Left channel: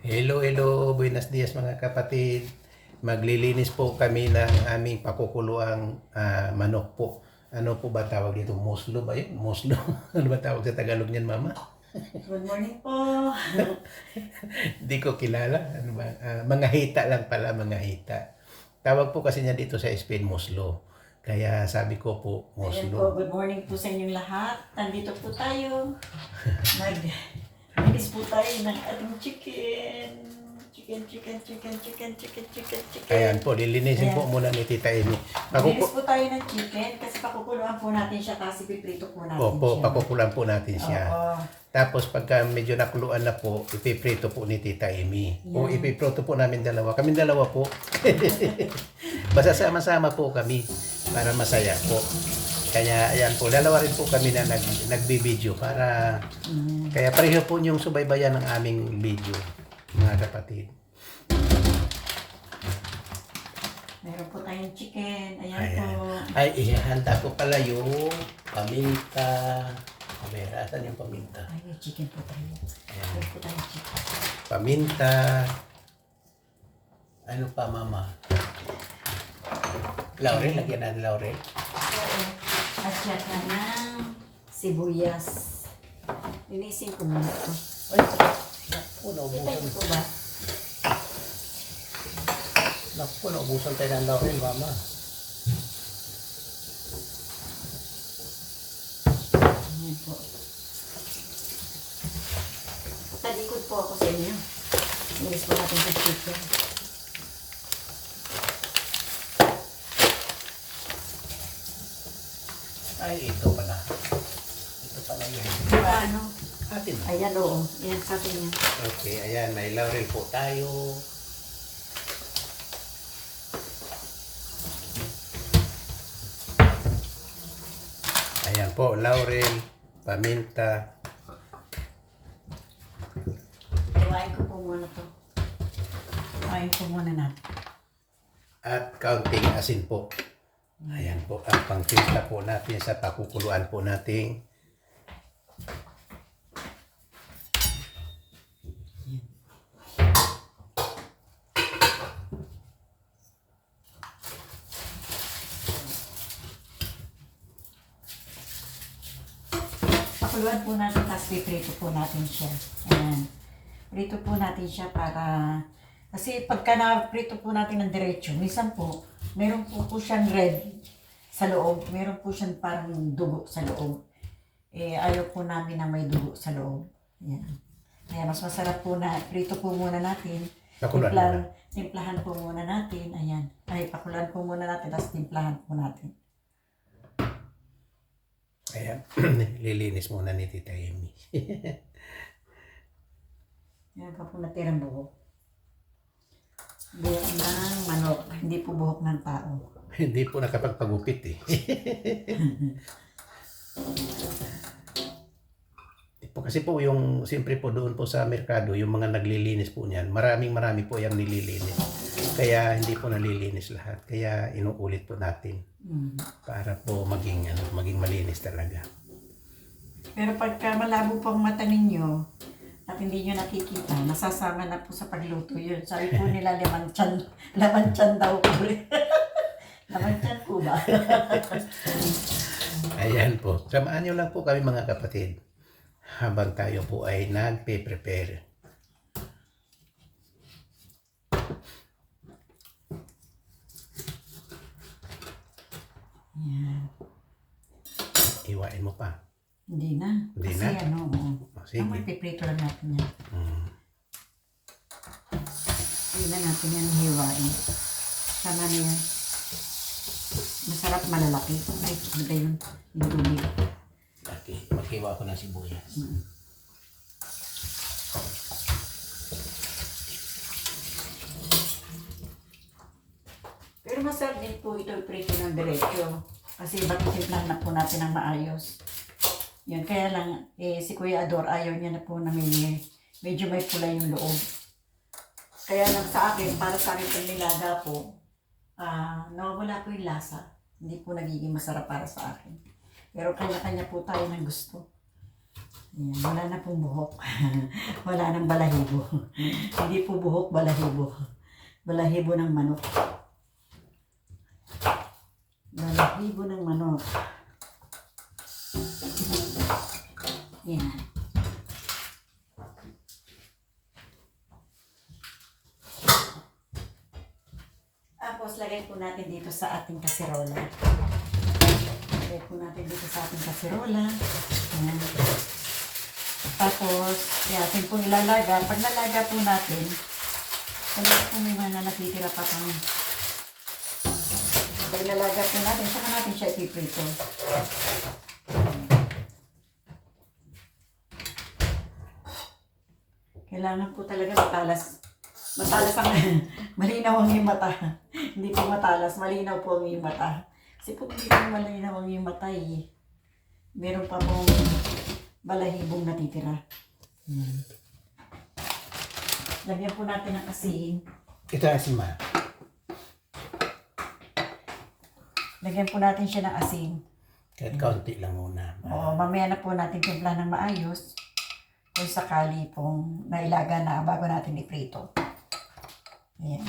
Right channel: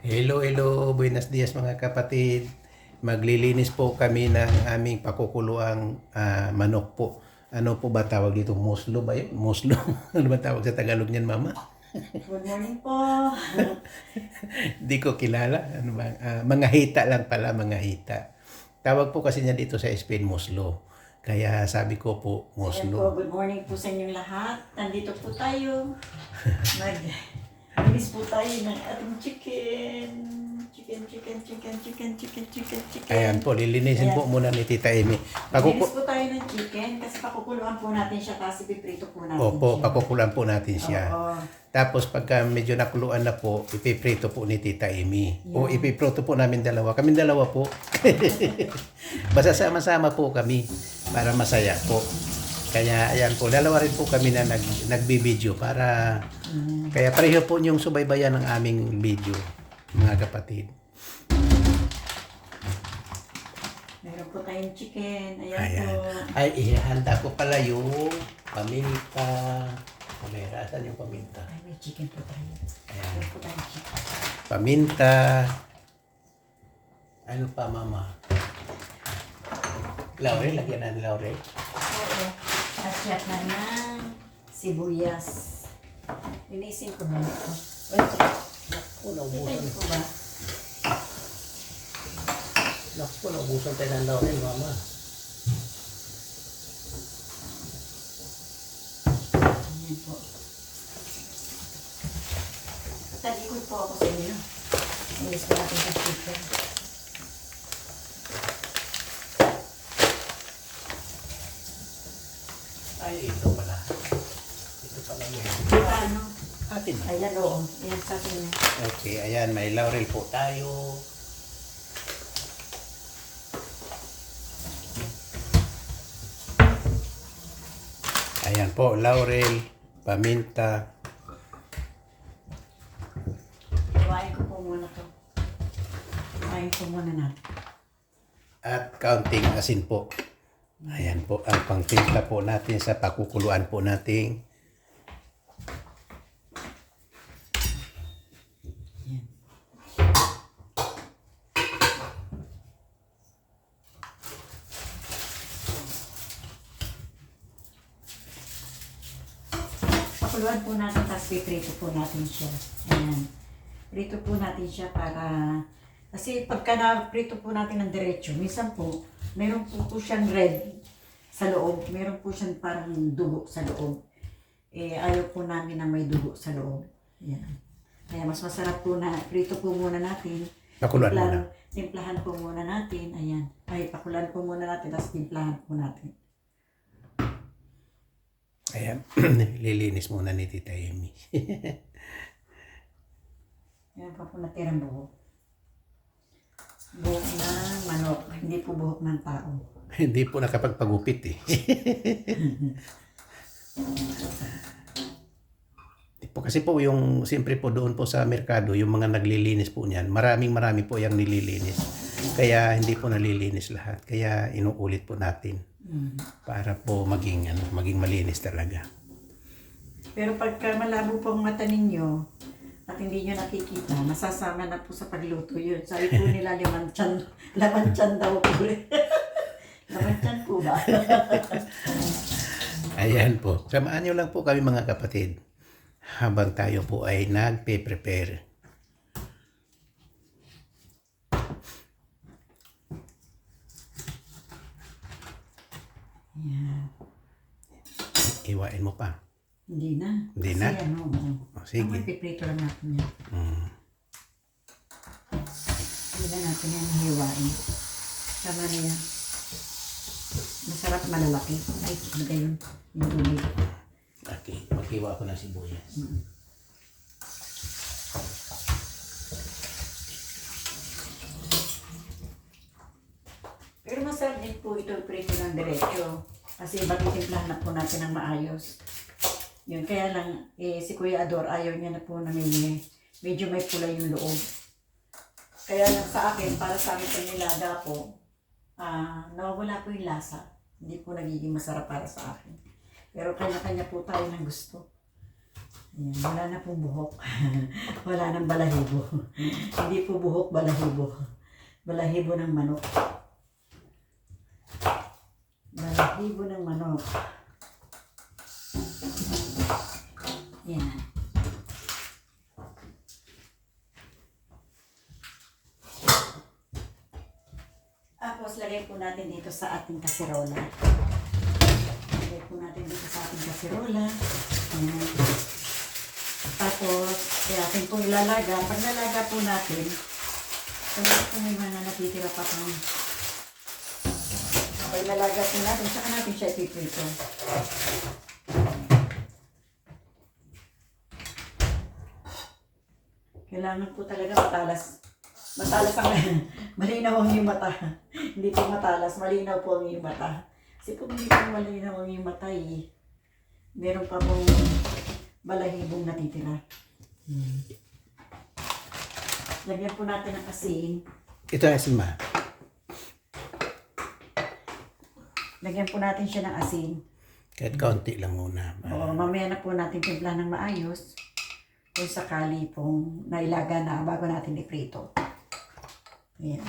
Hello, hello. Buenos dias mga kapatid. Maglilinis po kami ng aming pakukuluang manok po. Ano po ba tawag dito? Muslo ba yun? Muslo? Ano ba tawag sa Tagalog niyan, Mama? Good morning po. Di ko kilala. Ano ba? Mga hita lang pala, mga hita. Tawag po kasi niya dito sa Spain, muslo. Kaya sabi ko po, Ayan po, muslo. good morning po sa inyong lahat. Nandito po tayo. Mag-release po tayo ng ating chicken. Chicken. Ayan po, lilinisin po muna ni Tita Amy. Release po tayo ng chicken kasi pakukuluan po natin siya kasi piprito po natin Opo, siya. pakukulan po natin siya. Oo. Tapos pagka medyo nakuluan na po, ipiprito po ni Tita Amy. O ipiprito po namin dalawa. Kaming dalawa po. Basta sama-sama po kami para masaya po. Kaya ayan po, dalawa rin po kami na nagbibideo para kaya pareho po yung subaybayan ng aming video, mga kapatid. Meron po tayong chicken. Ayan Ayan. po. Ay, ihahanda ko pala yung paminta. Kamera, saan yung paminta? Ay, may chicken po tayo. Meron po tayong chicken. Paminta. Ano pa, Mama? Laurel, lagyan natin laurel. Asyat na ng sibuyas. Linisin ko muna ito. Ay, naku, Kita naubusan. niyo po ba? Naku, naubusan tayo ng laurel, Mama. Ayan po. Talikod po ako sa inyo. Linis po natin sa chicken. Ay, ito pala. Ito pala yun. Diba ano? Atin. Ayan oo. Ayan sa atin niya. Okay, ayan, may laurel po tayo. Ayan po, laurel, paminta. Iwain ko po muna to. Iwain ko muna natin. At kaunting asin po. Ayan po, ang pangtimpla po natin sa pakukuluan po natin. Pakuluan po natin, tapos piprito po natin siya. Ayan. Prito po natin siya para... Kasi pagka na-prito po natin ng diretso, minsan po, meron po siyang red sa loob. Meron po siyang parang dugo sa loob. Eh, ayaw po namin na may dugo sa loob. Ayan. Kaya mas masarap po na, prito po muna natin. Pakuluan muna. Timplahan po muna natin. Ayan. Ay, pakuluan po muna natin, tapos timplahan po natin. Ayan, lilinis muna ni Tita Amy. Ayan pa po natirang buhok. Buhok ng manok, hindi po buhok ng tao. Hindi po nakapagpagupit eh. Kasi po yung, siyempre po doon po sa merkado, yung mga naglilinis po niyan, marami po yung nililinis. Kaya hindi po nalilinis lahat. Kaya inuulit po natin para po maging malinis talaga. Pero pagka malabo po ang mata ninyo at hindi nyo nakikita, nasasama na po sa pagluto yun. Sabi po nila laman tiyan daw po. Laman tiyan po ba? Ayan po. Samaan nyo lang po kami mga kapatid. Habang tayo po ay nagpe-prepare. Yan. Iwain mo pa. Hindi na. Hindi Kasi na? ano, Sige. ang magpiprito lang natin yan. Hindi na natin yan hiwain. Sana na yan. Masarap malalaki. Ay, ano ba yun? Yung dumi. Okay, maghiwa ko ng sibuyas. Pero masarap din po ito prito ng diretso. Kasi batitimplahan na po natin ng maayos. Yun, kaya lang, si Kuya Ador ayaw niya na po na medyo may pula yung loob. Kaya lang sa akin, para sa akin pag nilaga po, nawawala po yung lasa. Hindi po nagiging masarap para sa akin. Pero kanya-kanya po tayo ng gusto. Ayan, wala na pong buhok. Wala nang balahibo. Hindi po buhok, balahibo. Balahibo ng manok. Balahibo ng manok. Yan. Tapos, lagay po natin dito sa ating kaserola. Lagay po natin dito sa ating kaserola. Ayan. Tapos, atin po ilalaga. Pag nalaga po natin, kung po may mga natitira pa pang pag nalaga po natin, saka natin siya ipiprito. Kailangan po talaga matalas. Matalas ang malinaw ang iyong mata. Hindi po matalas, malinaw po ang iyong mata. Kasi po hindi po malinaw ang iyong mata eh. Meron pa pong balahibong natitira. Lagyan po natin ng asin. Ito ang asin, ma. Lagyan po natin siya ng asin. Kahit kaunti lang muna. O, mamaya na po natin timpla ng maayos. Kung sakali pong nailaga na bago natin iprito. Ayan.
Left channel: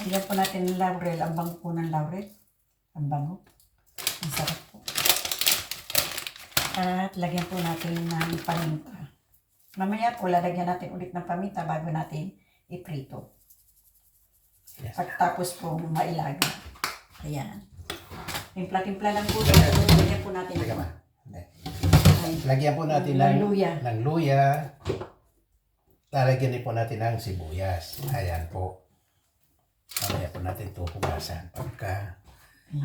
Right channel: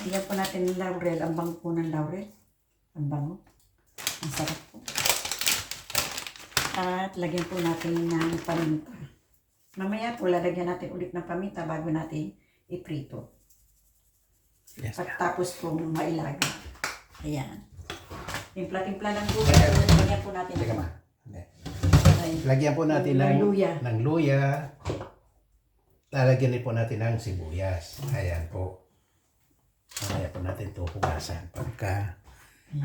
Lagyan po natin ng laurel. Ang bango po ng laurel. Ang bango. Ang sarap po. At lagyan po natin ng paminta. Mamaya po lalagyan natin ulit ng paminta bago natin iprito. Yes. Pagtapos po mailaga. Ayan. Timpla-timpla lang po. Lagyan po natin. Teka, ma. Ay, Lagyan po natin ng luya. ng luya. Lalagyan din po natin ng sibuyas. Ayan po. Mamaya po natin ito hugasan. Pagka,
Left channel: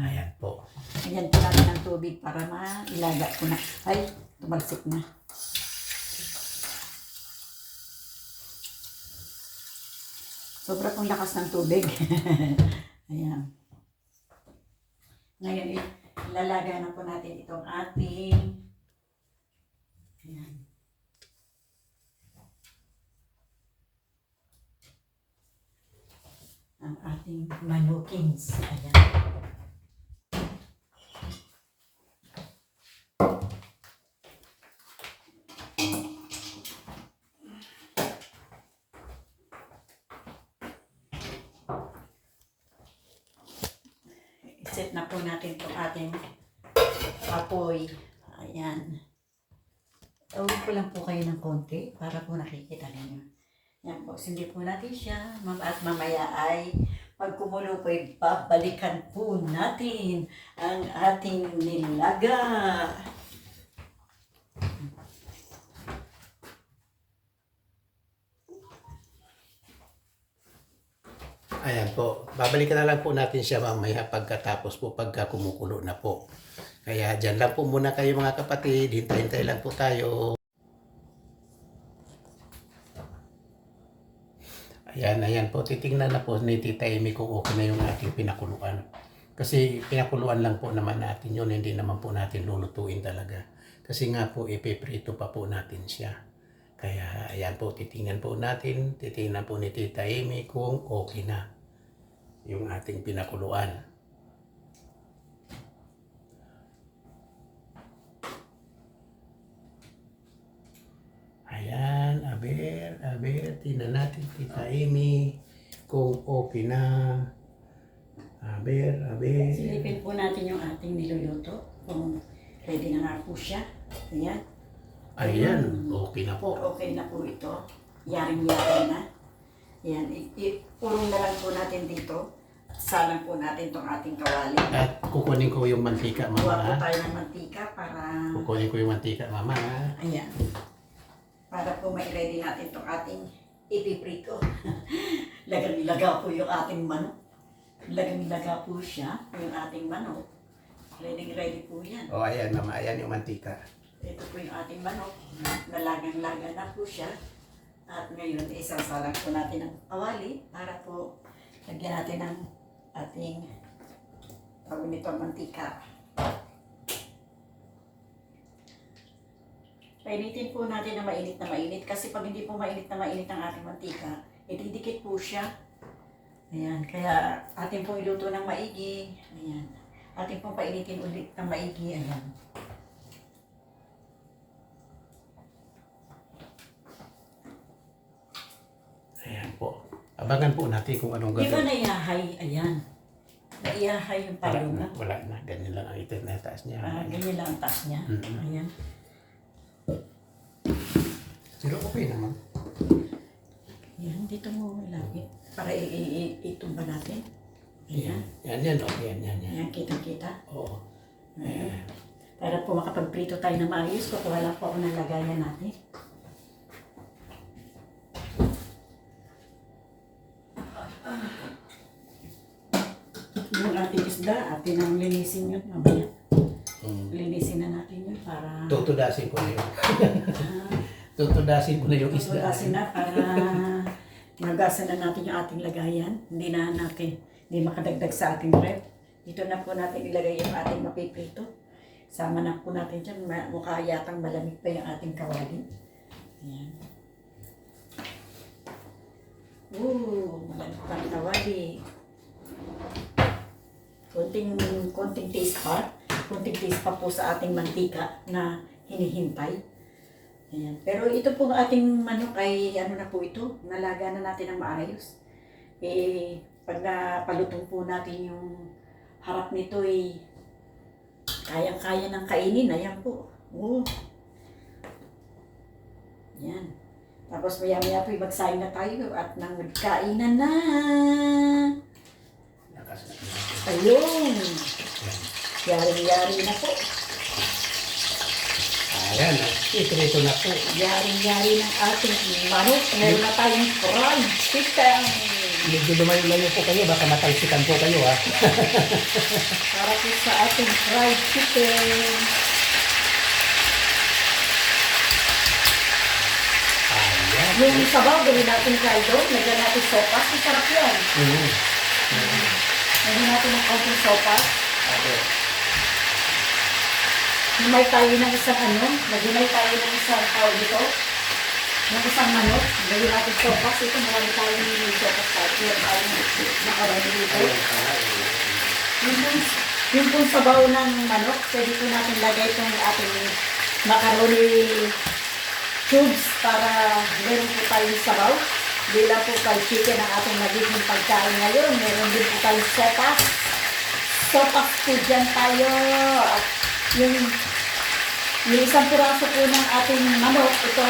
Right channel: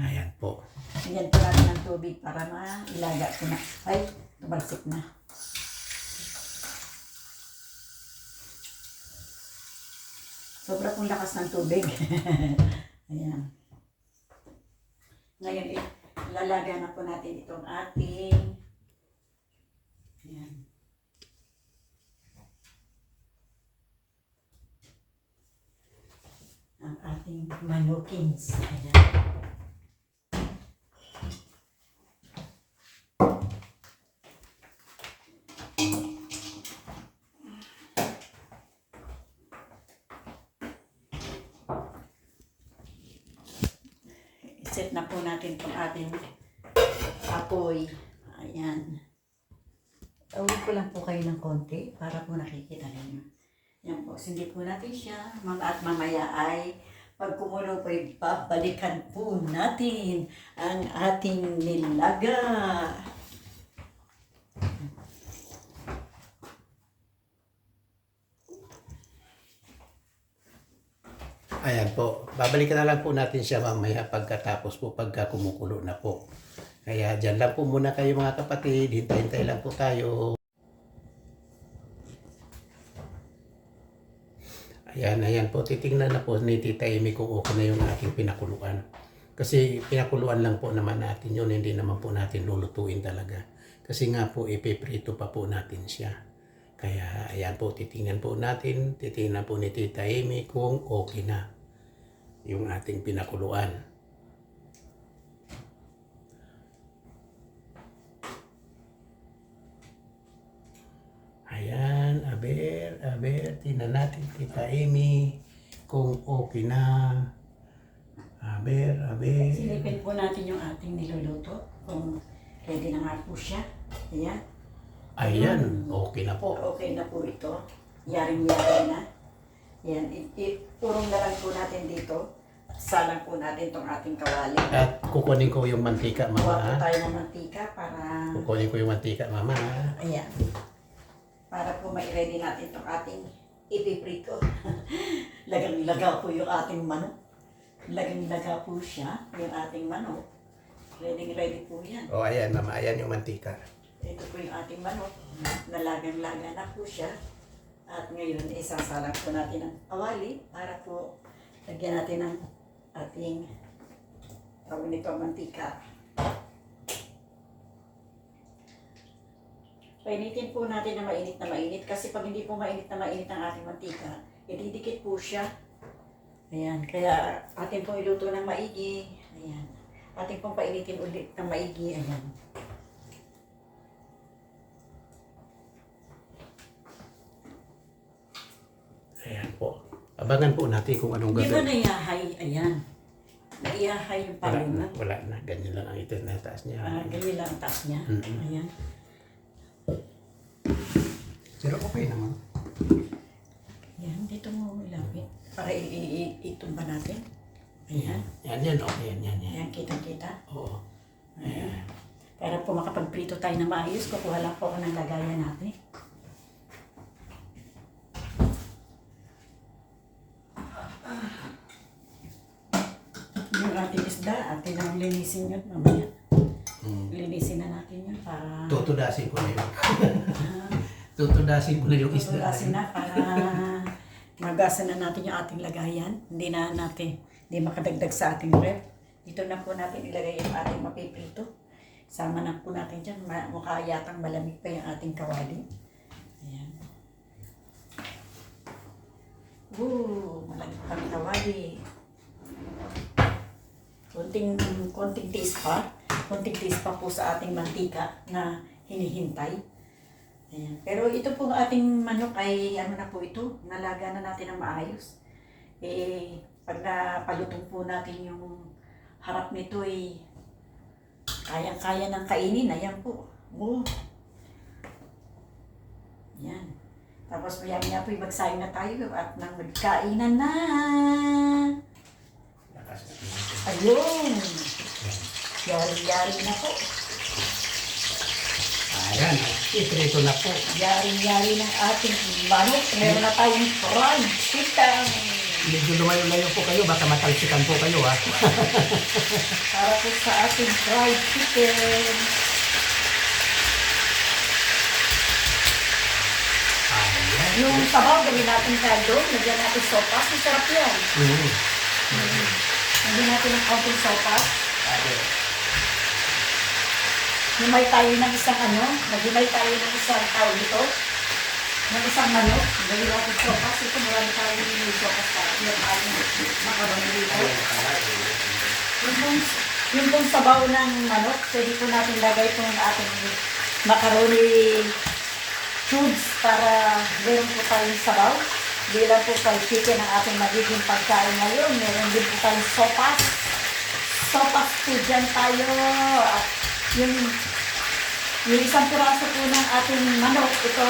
ayan po. Lagyan po natin ng tubig para mailaga po na. Ay, tumalsik na. Sobra pong lakas ng tubig. Ayan. Ngayon, ilalaga na po natin itong ating ayan. Ang ating manukins. Ayan. Set na po natin itong ating apoy. Ayan. Tawid ko lang po kayo ng konti para po nakikita ninyo. Yan po. Sindi po natin siya. At mamaya ay pag kumulo po, babalikan po natin ang ating nilaga. Ayan po. Babalikan na lang po natin siya mamaya pagkatapos po pagka kumukulo na po. Kaya dyan lang po muna kayo mga kapatid. Hintay-hintay lang po tayo. Ayan po. Titingnan na po ni Tita Amy kung okay na yung ating pinakuluan. Kasi pinakuluan lang po naman natin yun. Hindi naman po natin lulutuin talaga. Kasi nga po ipiprito pa po natin siya. Kaya ayan po. Titingnan po natin. Titingnan po ni Tita Amy kung okay na yung ating pinakuluan. Ayan, aber, tingnan natin Tita Amy kung okay na. Aber. Silipin po natin yung ating niluluto. Kung ready na nga po siya. Ayan. Ayan, okay na po. Okay na po ito. Yaring-yari na. Yan. Ipurong na lang po natin dito. Salang po natin itong ating kawali. At kukunin ko yung mantika, Kuha po mama. tayo ng mantika para... Kukunin ko yung mantika, mama. Ayan. Para po mai-ready natin itong ating ipiprito. Lagang-laga po yung ating manok. Lagang-laga po siya, yung ating manok. Ready po yan. O ayan, mama. Ayan yung mantika. Ito po yung ating manok. Nalagang-laga na po siya. At ngayon, isasalang po natin ng kawali para po lagyan natin ng ating tawag nito mantika. Painitin po natin na mainit kasi pag hindi po mainit na mainit ang ating mantika, ididikit po siya. Ayan, kaya atin pong iluto ng maigi. Ayan. Atin pong painitin ulit ng maigi. Ayan. Ayan po. Abangan po natin kung anong Di ba gagawin. naiyahay? Ayan. Naiyahay yung Wala palo na, mo. wala na. Ganyan lang ang taas niya. Wala na. Ganyan lang ang taas niya. Mm-mm. Ayan. Pero okay naman. Ayan, dito mo ilapit. Para itumba natin. Ayan. Yan. Oh. Yan. Ayan, kita-kita. Oo. Ayan. Para po makapagprito tayo na maayos, kukuha lang po ako ng lagayan natin. Yung ating isda, atin ang linisin yun mamaya. Linisin na natin yun para... Tutudasin ko na yun. Ah, Tutudasin ko na yung isda. Tutudasin na para magasan na natin yung ating lagayan. Hindi makadagdag sa ating ref. Dito na po natin ilagay yung ating mapiprito. Sama na po natin dyan. Mukha yatang malamig pa yung ating kawali. Ayan. Malamig pa ang kawali. Konting taste pa. Konting taste pa po sa ating mantika na hinihintay. Ayan. Pero ito pong ating manok ay ano na po ito, nalaga na natin ng maayos. Pag napalutong po natin yung harap nito ay kayang-kaya ng kainin. Ayan po. Ayan. Tapos maya-maya po magsaing na tayo at nang magkainan na. Ayun. Yari-yari na po. Ayan. Iprito na po. Yari-yari ng ating manok. Meron na tayong fried chicken. Medyo lumayo-layo po kayo. Baka matalsikan po kayo ha. Para po sa ating fried chicken. Ayan. Yung sabaw, gawin natin kaldo. Lagyan natin sopas. Masarap yan. Lagyan natin ng konting sopas. Himay tayo ng isang Maghimay tayo ng isang tawag dito. Ng isang manok. Gawin natin sopas. Ito, marami tayo ng sopas tayo. Yan, tayo makarami dito. Yung pong sabaw ng manok, pwede po natin lagay ito ng ating macaroni cubes para meron po tayong sabaw. Bilang po pag chicken ang ating magiging pagkain ngayon. Meron din po tayong sopas. Sopas po dyan tayo. At yung isang piraso po ng ating manok, ito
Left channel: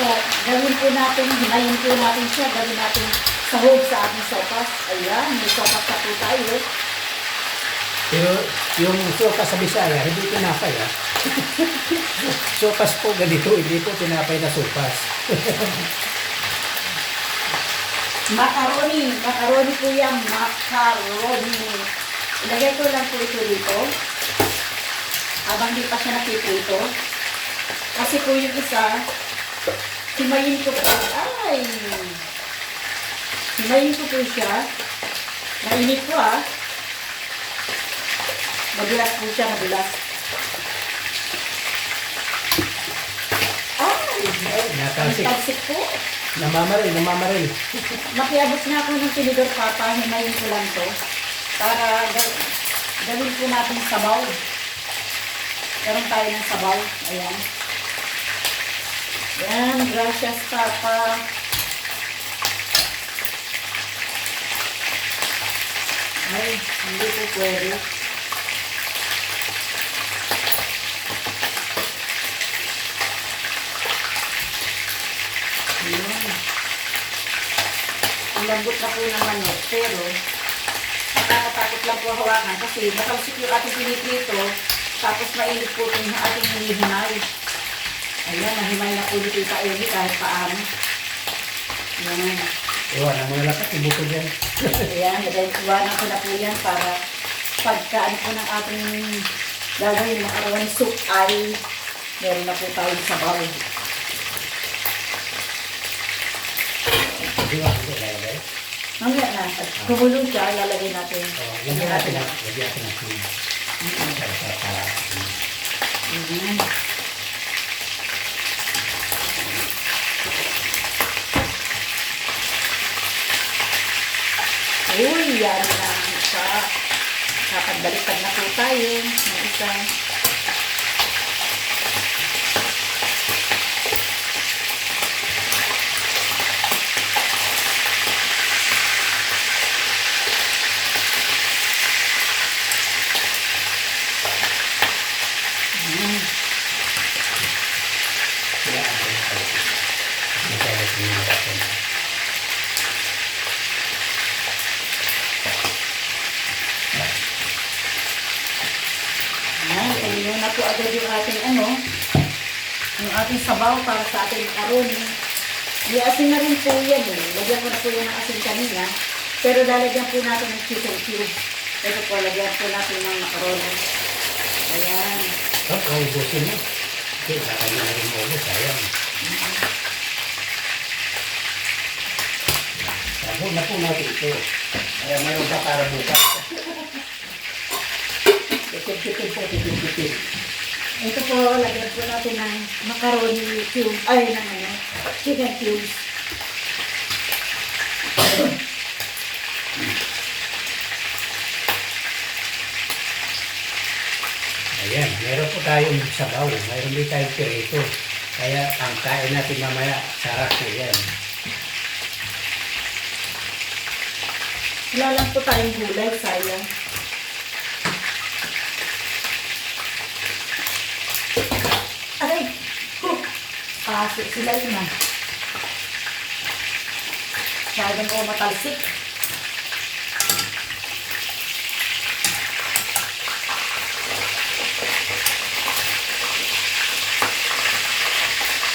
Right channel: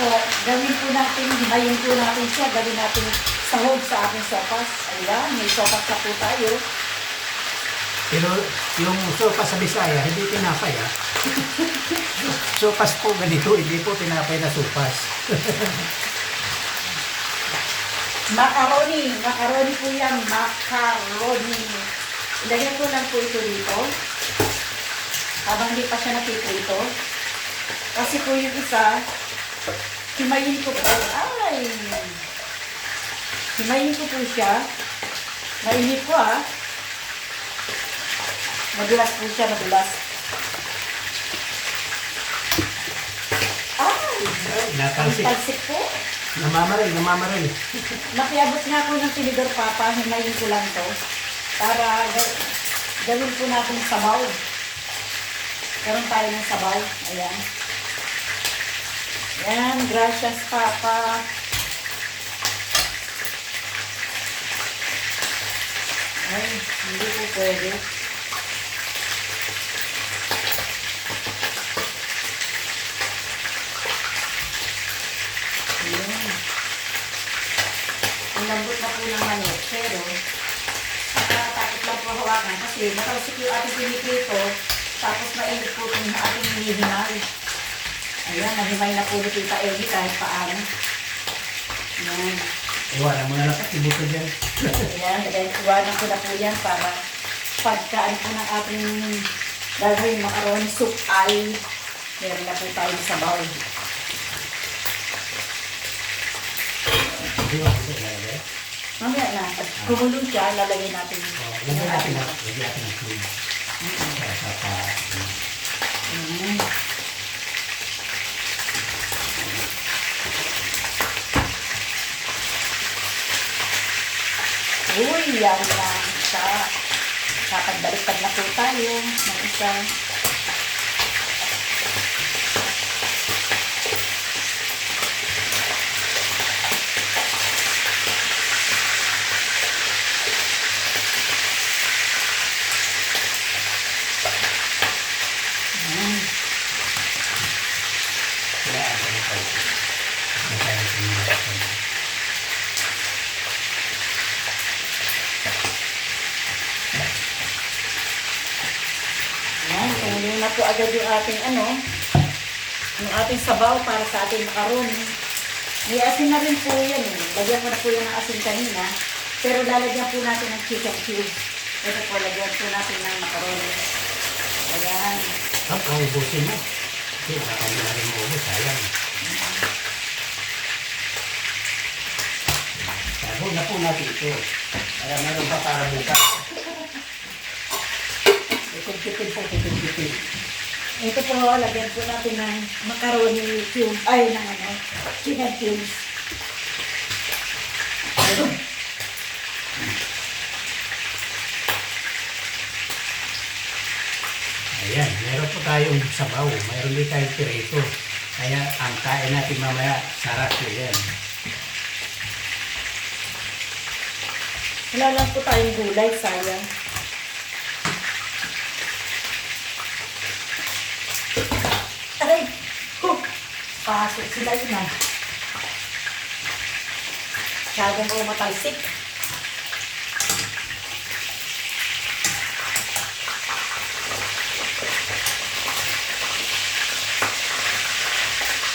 po, gawin po natin, himayin po natin siya, gawin natin sahog sa ating sopas. Ayan, may sopas na po tayo. Pero yung sopas sa Bisaya, hindi tinapay ha. Sopas po ganito, hindi po tinapay na sopas. Macaroni po yan, macaroni. Ilagay ko lang po ito dito. Habang hindi pa siya napiprito. Kasi po yung isa, himayin ko po. Himayin ko po siya. Mainit po Madulas po siya, madulas. Natalsik po. Namamaril. Nakiabot na ako ng tinidor papa, himayin ko lang to. Para gawin po natin sabaw. Karoon tayo ng sabaw. Ayan. Ayan, gracias papa. Ay, hindi po pwede. Ayan. Ang lambot na po ng manok, pero nakakatakot lang po hawakan kasi nakalsik yung ating piniprito, tapos mainit po itong ating hinihimay. Ayan, nahimay na po ni Tita Amy kahit paano. Ayan. Wala mo na lakas, ibuto dyan. Ayan, iwanan ko na po yan para pagkaan po ng ating gagawin ng macaroni soup ay meron na po tayong sabaw. Hindi mo ito lalagay. Mamaya na, at kumulo siya, lalagay natin. Lagyan natin ng cream. Ayan. yan na pagbaliktad na po tayo ng isa. Ayan na po agad yung ating yung ating sabaw para sa ating macaroni. May asin na rin po yan eh. Lagyan ko na po yung asin kanina. Pero lalagyan po natin ng chicken cube. Pero po, lagyan po natin ng macaroni. Ayan. Ubusin mo. Okay, baka na rin mo ulit. Ayan. Sabaw na po natin ito. Para meron pa para bukas. Tipid po, tipid. Ito po, lagyan po natin ng macaroni cube. Ay, chicken cubes. Ayan, meron po tayong sabaw. Mayroon din tayong pirito. Kaya ang kain natin mamaya, sarap po yan. Wala lang po tayong gulay, sayang. Aray! Kasi sila yun na. Masyadong ko matalsik.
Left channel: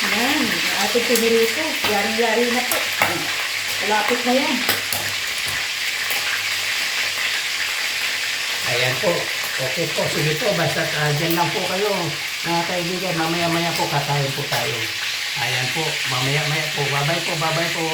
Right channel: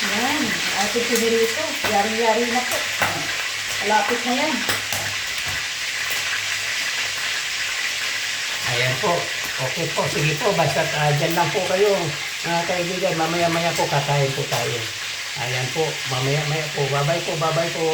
Yan, ating pinirito. Yari-yari na po. Malapit na yan. Ayan po. Okay po, sige po. Basta dyan lang po kayo, mga kaibigan. Mamaya-maya po kakain po tayo. Ayan po, mamaya-maya po. Bye-bye po, bye-bye po.